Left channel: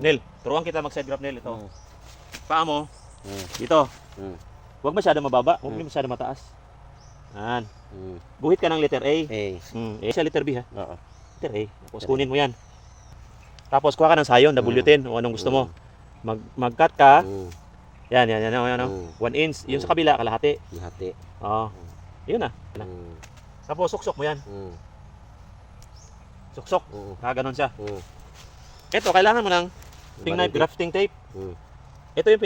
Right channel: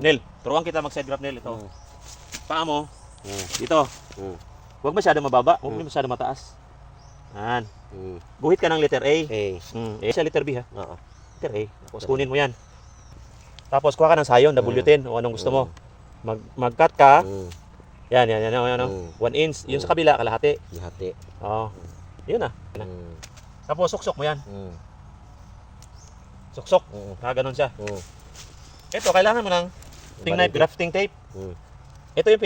Nel, turuan kita mag-side grab, Nel. Ito. Paa mo, Mm. dito. Mm. Huwag masyado mababa, huwag masyado mataas. Yan. Mm. Guhit ka ng letter A. A. A sa letter B, ha? Oo. Letter A. Tapos kunin mo yan. Tapos kuha ka ng sayon, W10, o anong gusto mo. Mag-cut ka. Mm. Yan, yan, yan, yan. 1 inch. Yung sa kabila, kalahati. Lahati. Oo. Yun na. Mm. Tapos suksok mo yan. Mm. Suksok. Mm. Ganon siya. Mm. Ito, kailangan mo ng knife, grafting tape. Mm. Ito yung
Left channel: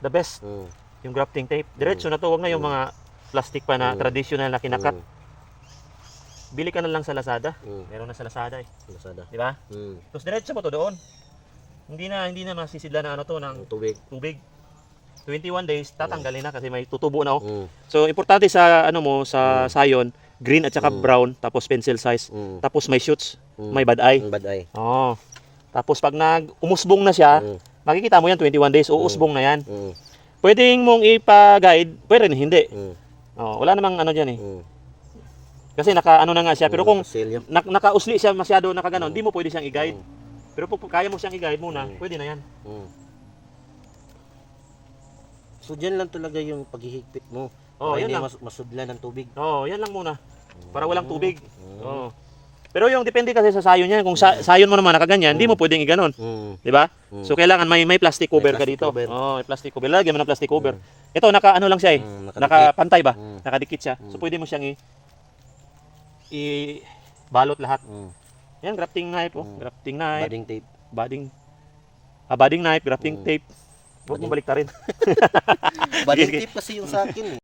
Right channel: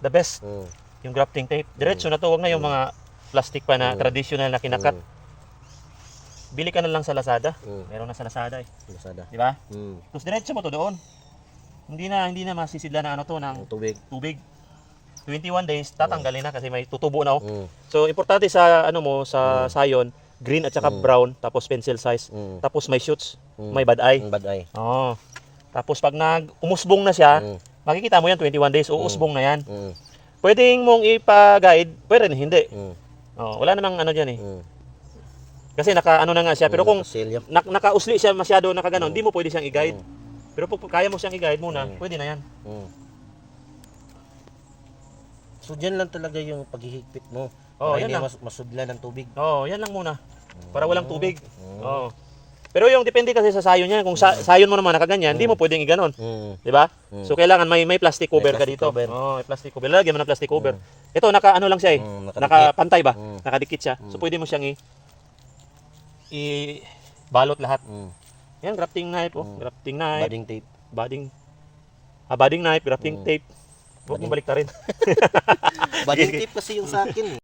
the best. Mm. Yung grafting tape. Diretso na to, huwag na yung mga plastic pa na traditional na kinakat. Bili ka na lang sa Lazada. Meron na sa Lazada eh. Lazada. Di ba? Mm. Tapos diretso mo to doon. Hindi na masisidla na ano to ng tubig. 21 days tatanggalin na kasi may tutubo na oh. So importante sa ano mo sa sayon, green at saka brown, tapos pencil size. Tapos may shoots, may bad eye. Bad eye. Oh. Tapos pag umusbong na siya, makikita mo yan 21 days, uusbong na yan. Pwedeng mong ipa-guide, pwede rin hindi. Oh, wala namang ano diyan eh. Kasi naka ano na nga siya, pero kung nakausli siya masyado nakaganon, hindi mo pwede siyang i-guide. Pero kung kaya mo siyang i-guide muna, pwede na yan. So dyan lang talaga yung paghihigpit mo. Oh, para yan hindi lang. masudlan ng tubig. Oh, yan lang muna. Para walang tubig. Oh. Pero yung depende kasi sa sayon niya, kung sayon mo naman nakaganyan, hindi mo pwedeng i-ganon. 'Di ba? So kailangan may plastic cover ka dito. Oh, may plastic cover. Lagyan mo ng plastic cover. Ito naka-ano lang siya eh. Nakapantay ba? Nakadikit siya. So pwede mo siyang i-balot lahat. Yan, grafting knife, oh. Grafting knife. Budding tape. Budding knife, grafting tape. Huwag mo balik rin. Budding tape kasi yung sa akin eh.